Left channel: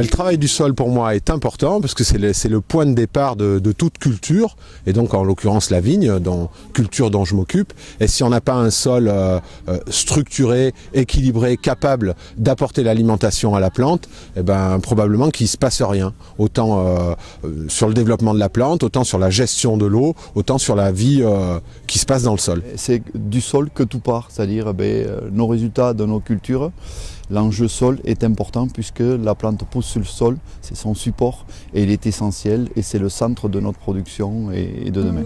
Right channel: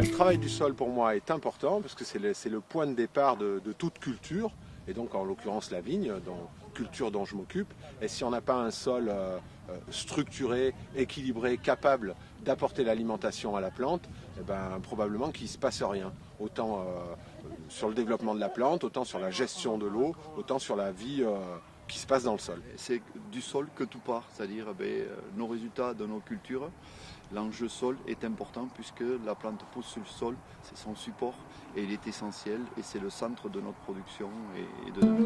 Le travail du sol pour moi est important parce que c'est le point de départ de toute culture, et donc en l'occurrence la vigne, culture dont je m'occupe. Et si on n'a pas un sol structuré, équilibré, capable d'apporter l'alimentation à la plante, eh ben, probablement qu'il ne se passe rien. Autant sur le développement de la plante, autant sur la gestion de l'eau, autant sur la vie qui se passe dans le sol. C'est du sol que tout part, c'est-à-dire nos résultats de nos cultures. L'enjeu sol est important puisque la plante pousse sur le sol, c'est son support et il est essentiel et c'est le centre de notre production et de demain.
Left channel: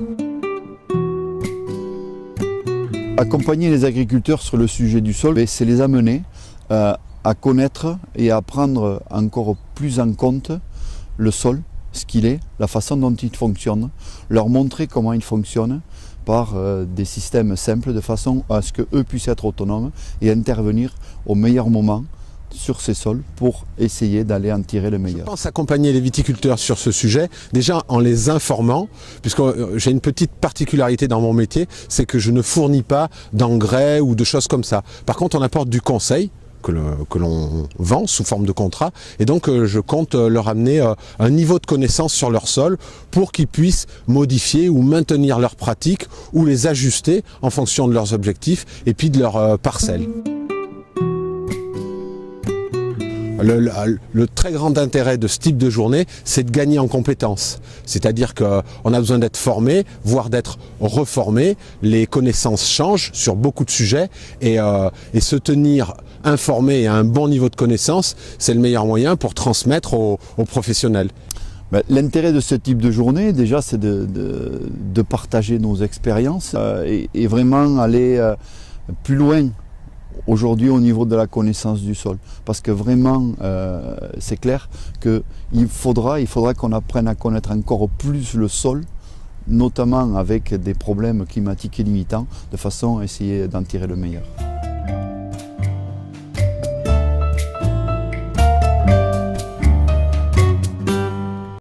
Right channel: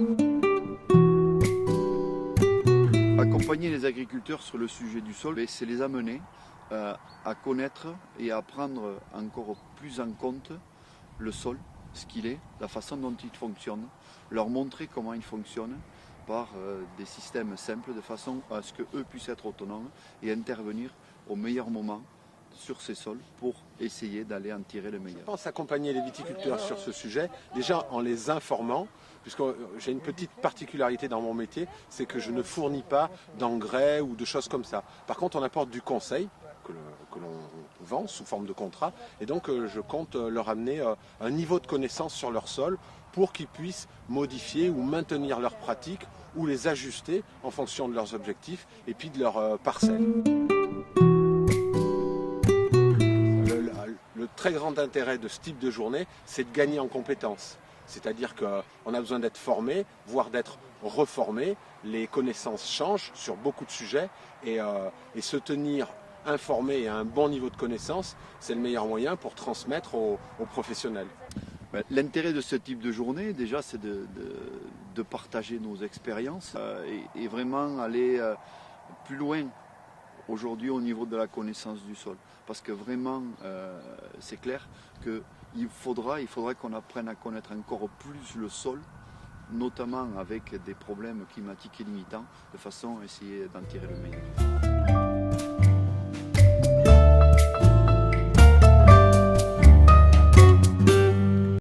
Accompagner les agriculteurs sur le sujet du sol, c'est les amener à connaître et à prendre encore plus en compte le sol, ce qu'il est, la façon dont il fonctionne, leur montrer comment il fonctionne par des systèmes simples de façon à ce qu'eux puissent être autonomes et intervenir au meilleur moment sur ces sols pour essayer d'aller en tirer le meilleur. Je pense accompagner les viticulteurs sur ce sujet, déjà en les informant, puisque j'ai une petite particularité dans mon métier, c'est que je ne fournis pas d'engrais ou de choses comme ça. Par contre, on apporte du conseil que l'on vend sous forme de contrat, et donc je compte leur amener un niveau de connaissance sur leur sol pour qu'ils puissent modifier ou maintenir leurs pratiques ou les ajuster en fonction de leurs objectifs et puis de leurs parcelles. Le très grand intérêt de ce type de journée, c'est de gagner en compétences. C'est-à-dire qu'on a besoin d'être formé, voire d'être reformé. Les connaissances changent sur beaucoup de sujets et se tenir informé et à un bon niveau de connaissance, c'est le meilleur moyen pour transmettre aux professionnels. L'intérêt de ce type de journée, déjà, c'est de partager nos expériences et vraiment aller plus loin aujourd'hui au niveau de la connaissance du sol. Parce que vraiment, c'est clair qu'il faudra qu'on apprenne à connaître encore plus le sol, notamment avec des problèmes climatiques et limitants, de façon à essayer d'en tirer le meilleur.